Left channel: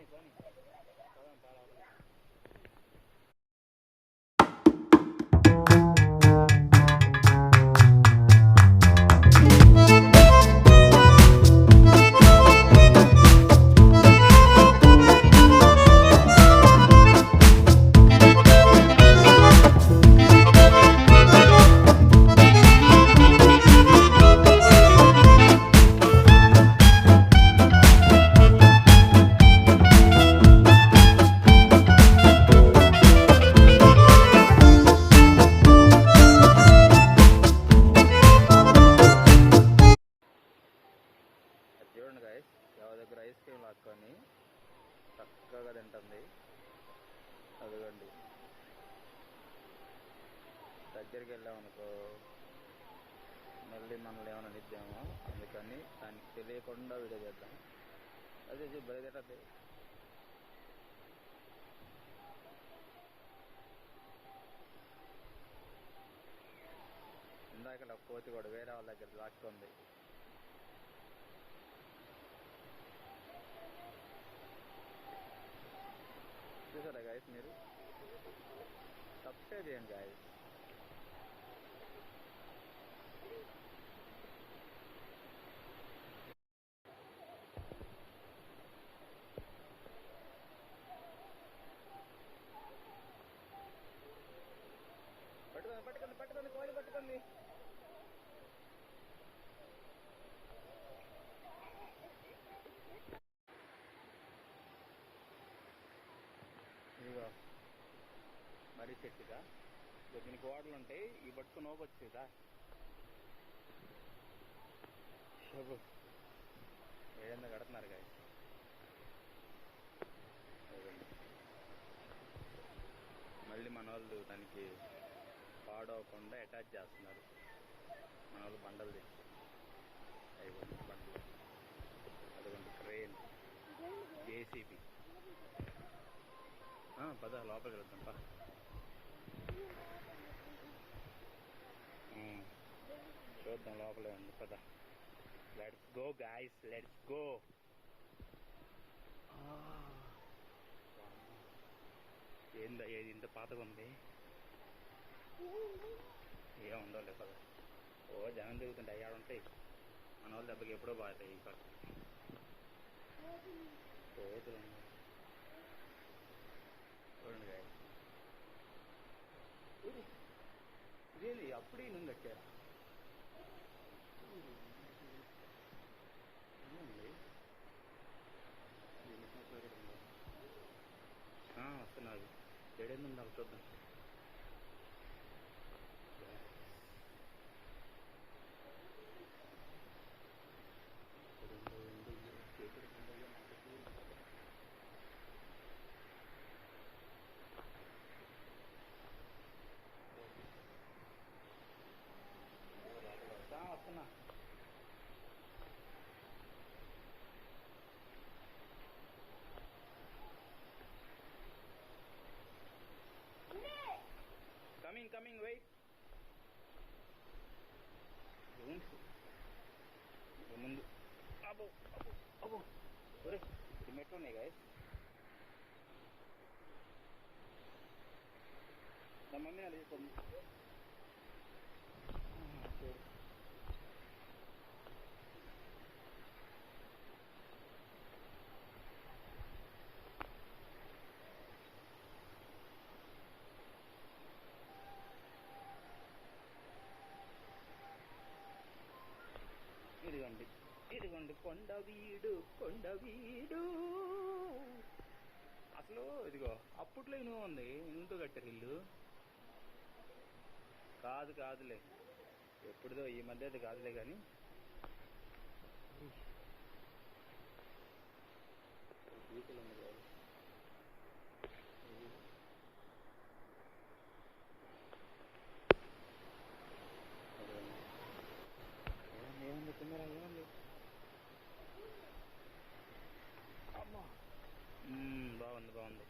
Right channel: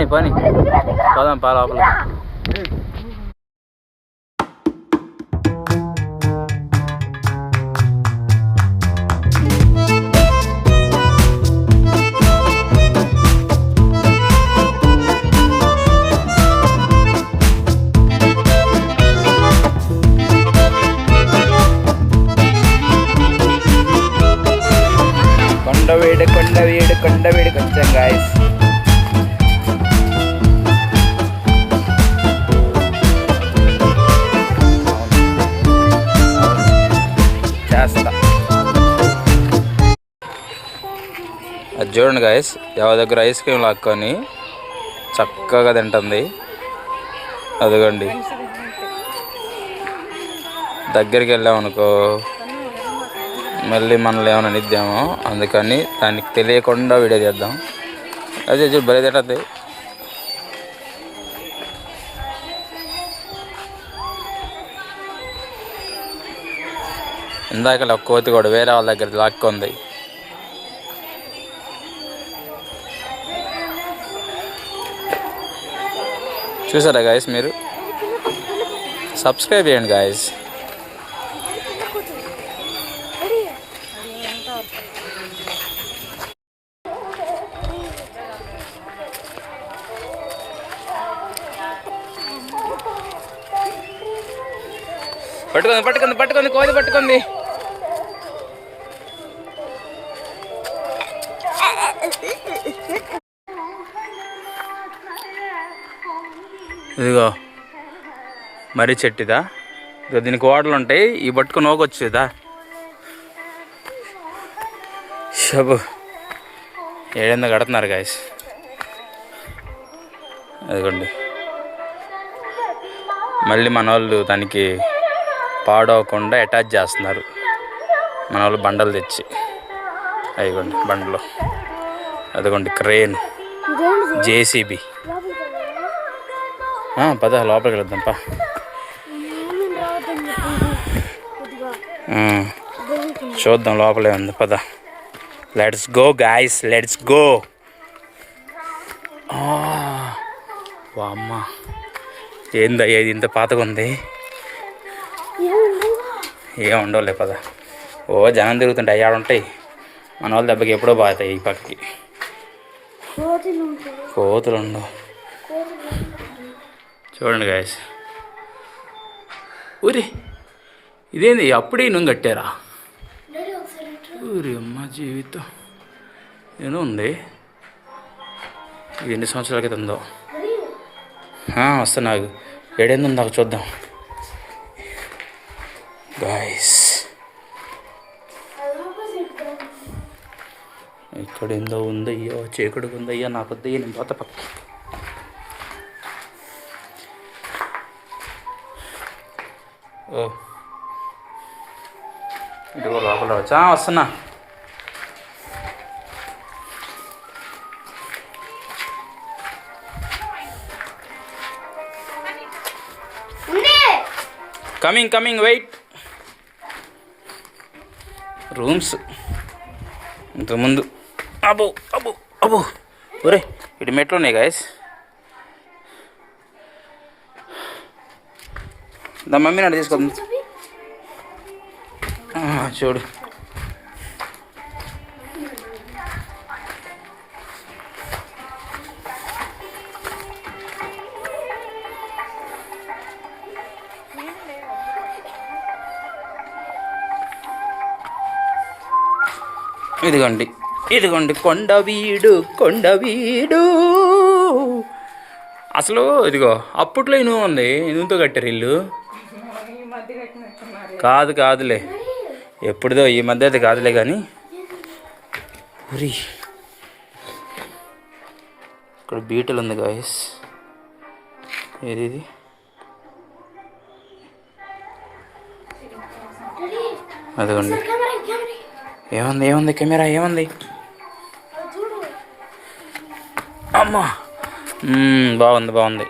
పని పని పోదాం పా లోపల. అది చూడండి గాయస్, ఎవరి దగ్గర ఐస్ క్రీమ్ లాక్కొని చక్కగా తింటుంది. అదిగోండి, దగ్గరికి వెళ్ళామనుకో మళ్ళీ మనల్ని ఏమైనా నిద్దామో, అందుకని దానికి తెలియకుండా వీడియో చేద్దాం. అదే చూడు బలి తింటుంది. ఇందాక కోతి కూడా వేరే వాళ్ళ దగ్గర లాక్కుంది. చూసారా గాయస్? మీరు సబ్స్క్రైబ్ చేయండి గాయస్. పట్టుకుంది పట్టుకుంది పట్టుకుంది కోతి పట్టుకుంది. ఇదిగో మర్రి చెట్టుదా, ఇదిగో దీనికి ఓడలు ఉంటాయి, ఈ పట్టుకుని నోకొచ్చేదా. షబు ఏడెందో కడుతున్నారు గాయస్. అదిగోండి, మళ్ళీ మన వాళ్ళు దానికి పాడవకుండా అటాచ్ చేస్తున్నారు. మన వాళ్ళు బండలు తెచ్చి, అదిగోండి బండలు. అదిగోండి క్రేన్, జేసీబీ. పద లోపలికి వెళ్దాం పా. చూద్దాం లోపలే ఉంది, పద. Let's go guys, let's go. అమ్మ ఏందయ్యా ఇది ఇంత పాతగా ఉంది. ఏం ఉండవులే పద. జనం తిరుగుతుంటాయి, అయ్యాడు ఉంటాయి. మన వాళ్ళ దెబ్బకి ఎప్పుడో బాగుతాయి. ఈ పక్కకి కోతులు ఉండవు. చూడండి గాయస్. ఊరి ఇదేంది అప్పుడే నువ్వు కట్టారా? ఊరి అమ్మ జీవితం ఏదో ఉంది. ఇది ఎన్ని సంవత్సరాల క్రితం ఉందో. వస్తా నాకు ఏడేందో నాకు చూద్దాం గాయస్. ఇక్కడ ఏందో ఉందయ్యో, చీకటిగా ఉందయ్యా, నాకు వద్దయ్యా, నేను పోత పక్క. ఇదిగో లోపల వచ్చా, వస్తున్నా. Coming coming wait. రూమ్స్ ఇంతకుముందు అబ్బో అబ్బో అబ్బో ఒరే ఇటు మెట్లు ఉన్నాయి గాయస్. దా మమ్మీ నాడు తీసుకోండి. చూడు ఇదిగోండి ఇదిగోండి కొండవీడు కొండవీడు. అసలు ఇదిగో అప్పట్లో ఇనుము ఉంది, ఇనుముతో కట్టారు ఇల్లు. కాదులే, ఎప్పుడుదో ఈ మధ్య అయితే కాదులే. కానీ ఉరి ఇక్కడ బీటలు ఉంది గాయస్. ఏది ఇది? అదిగోండి. ఏముంది కెమెరా ఏముంది? అమ్మా బాగుంది.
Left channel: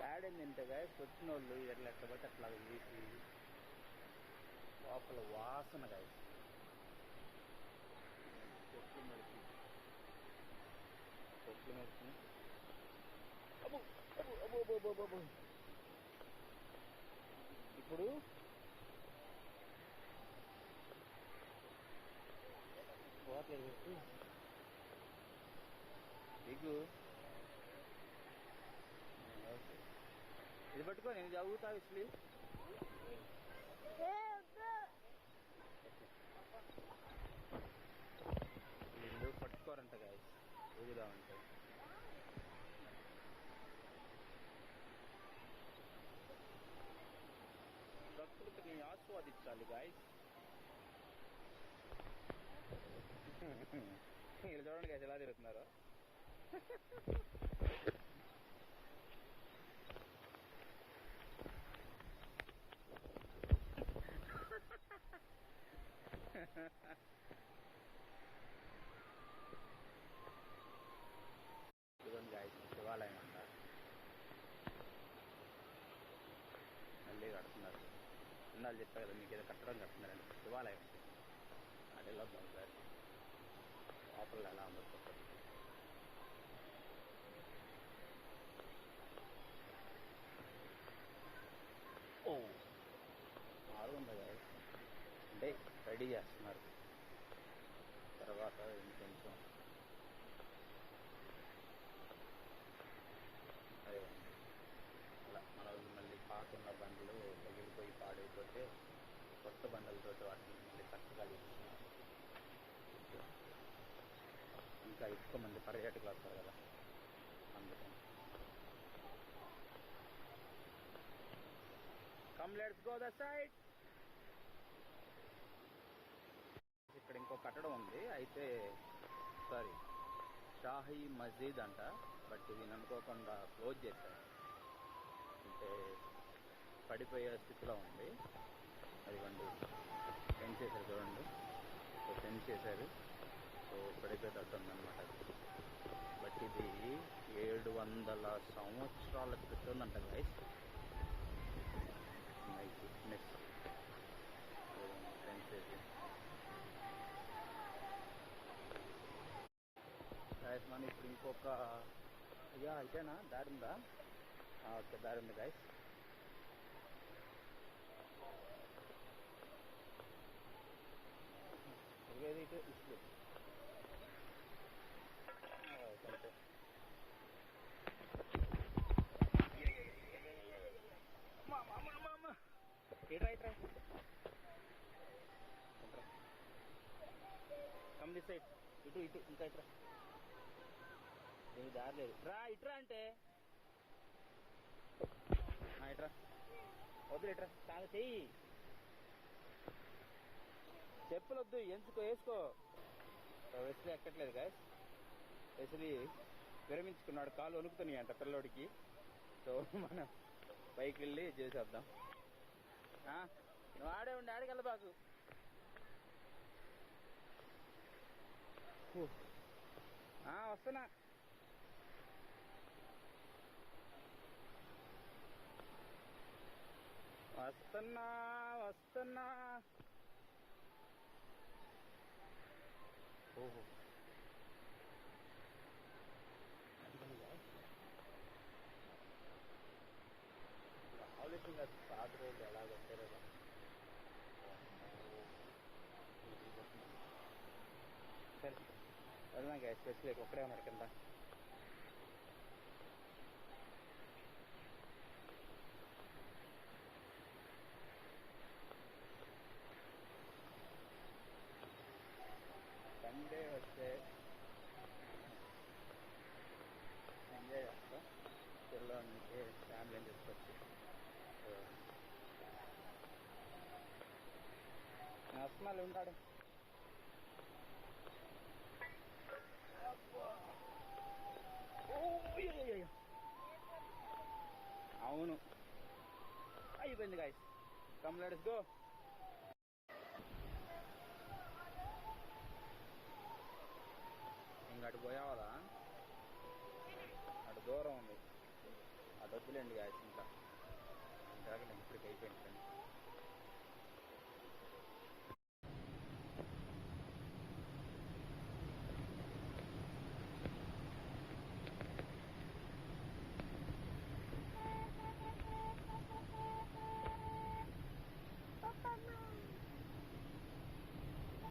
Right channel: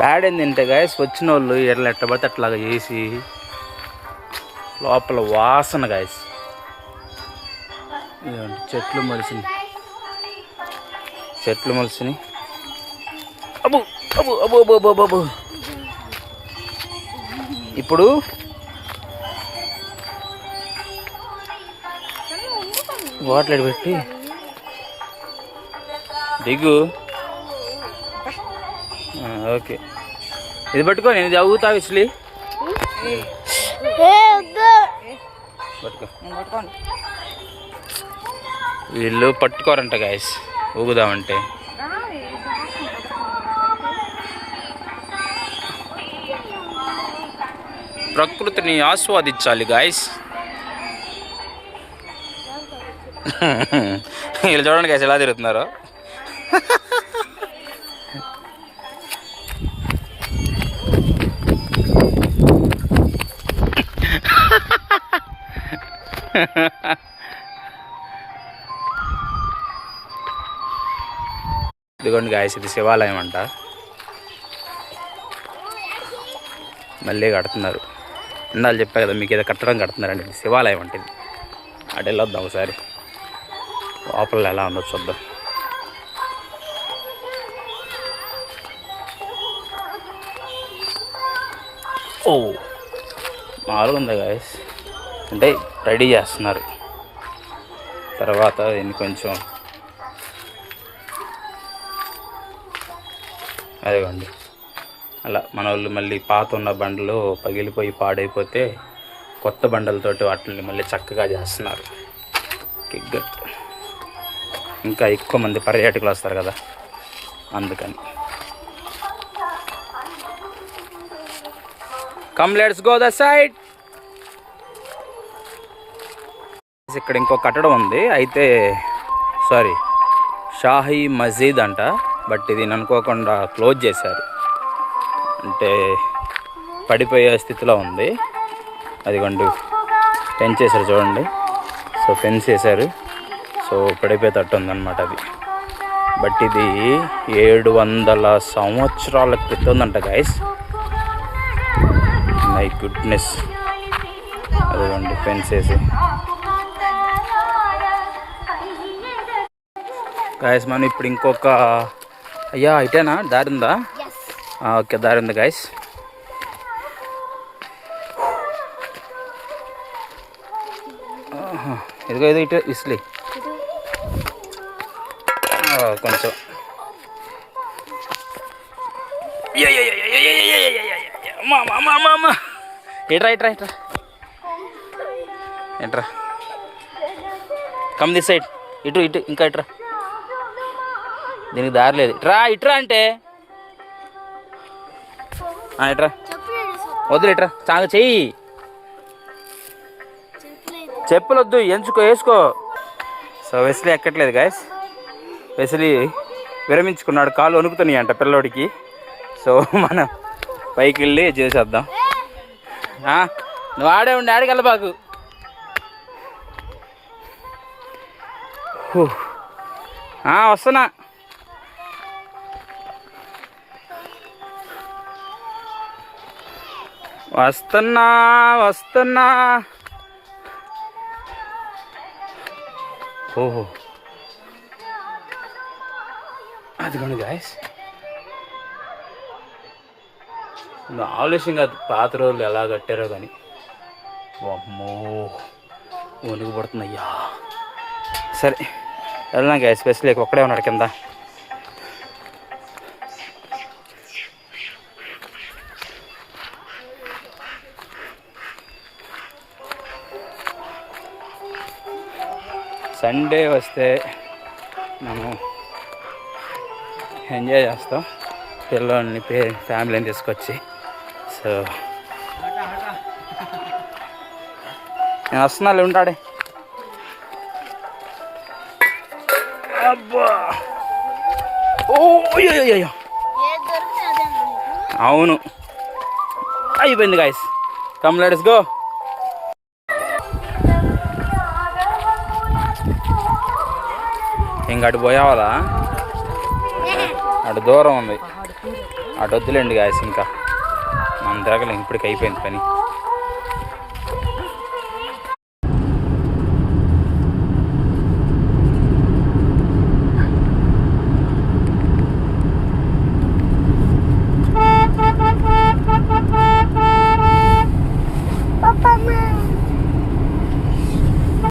బ్యాడ్ ఏంటంటే గాయస్ వచ్చిన వాళ్ళు ఎట్లా ఎట్టబడితే అట్లాగా చేసి లోపల వాసన గాయస్. చెట్లు మొలిసినాయి. అబ్బు అబ్బు అబ్బు అబ్బు అబ్బు అబ్బు. ఇప్పుడు వాటర్ పెట్టి దిగు. ఓకే, ఇది పట్టుకో, నేను ఇది అవుతా విసిలి పట్టుకో. వీళ్ళు పట్టుకోరంట గాయస్ ఊగుదామంటే. ప్రకృతిని ఆస్వాదించాలి గాయస్. వీళ్ళు చూడండి గాయస్ ఎలా తిరుగుతున్నారు. ఇదిగోండి గాయస్, ఇది శివాలయం అంట. మళ్ళీ కడుతున్నారు. ఇందాలు చెప్పా కదా మీకు, ఏదో కట్టడం కడుతున్నారండి. ఇది శివాలయం అంటే. ఇది అటు వెళ్ళొద్దాం ఒకసారి, లోపల ఎలా ఉందో చూద్దాం. ఓ మామూలుగా ఉందా గాయస్, అంటే రెడీ చేస్తున్నారు. తర్వాత దీన్ని కొంచెం అదిగోండి అలా మన వాళ్ళు మళ్ళీ పాత ఉన్న బండలు పగిలిపోయి పాడైపోతే కొత్త బండలతోటి వాటిని మళ్ళీ చక్కగా చేస్తున్నారు. ఇంకా ఎక్కువ మంది పర్యాటకులు వస్తారు కదా, అందుకని. Come let's go the side. ఇక్కడ ఇంకో కట్టడం ఉంది, అయితే సారీ షాహీ మస్జిద్ అంట. బట్ ఇది అనుకోకుండా క్లోజ్ చేశారు, అంటే పడిపోయే స్థితిలో ఉంది. అదిగోండి ఫెన్స్ చేశారు చూడండి. సో ఫెన్స్ వేశారు, సో పడిపోయేటట్టు ఉందన్నమాట అది. బట్ ఇది 700 సంవత్సరాల క్రితం ఉందంట గాయస్. My goodness. అదిగోండి ఫెన్స్ వేసి. గాయస్ మనం ఇప్పుడు ఇంకొక, అయ్యా ఇటేనా దారి ఉందా? ఓకే దారి ఉంది గాయస్. ఇదిగో ఇది ఇటు ఇస్లీ కొంచెం. ఇట్రా ఇట్రా ఇట్రా ఇట్రా. Come this side. ఇటు ఇటు ఇంకా ఇట్రా. దీనికి దారి లేదు. ఇట్రా అంటే ఇట్రా. వద్దులు ఇట్రా, చాలు చెయ్యి. చెప్పులు వద్దు, ఎంచుకో, వేసుకో. సో వెస్లీ ఎక్కట్లేదు గాయస్. వెస్లీ విరమించుకున్నాడు, కాళ్ళు వణుకుతున్నాయి అంట పిల్లోడికి. సో మనం పైకి వెళ్ళి చేసేద్దాం. నువ్వు ఆడే ఉండి ఆడికి వెళ్ళబాకు. వస్తున్నా. వస్తున్నా. ఓహో అదిగోండి గాయస్, ఆలోచన కాదు పాత రోజులు ఎలా కట్టారో కానీ. అమ్మో వణుకు పడుతుందయ్యా. సరే వెళ్దాం గాయస్. స్పెషల్ ఒక్కడే ఉన్నాడు కింద. సండే వస్తే మనం ఎంజాయ్ చేస్తాం, పిల్లల్ని ఫ్యామిలీని తీసుకొచ్చి. సో నేను వస్తున్నాను, ఉంటాడే. అబ్బా ఓయ్యో అవును అయిపోయింది గాయస్. Come let's go. ఇంకా అటు పోయేవాళ్ళ, అటు దూరం ఉంది. అటు వద్దులేండి గాయస్, ఇంకా మనం తిరగలేం, ఇప్పటికి అయిపోయింది పని.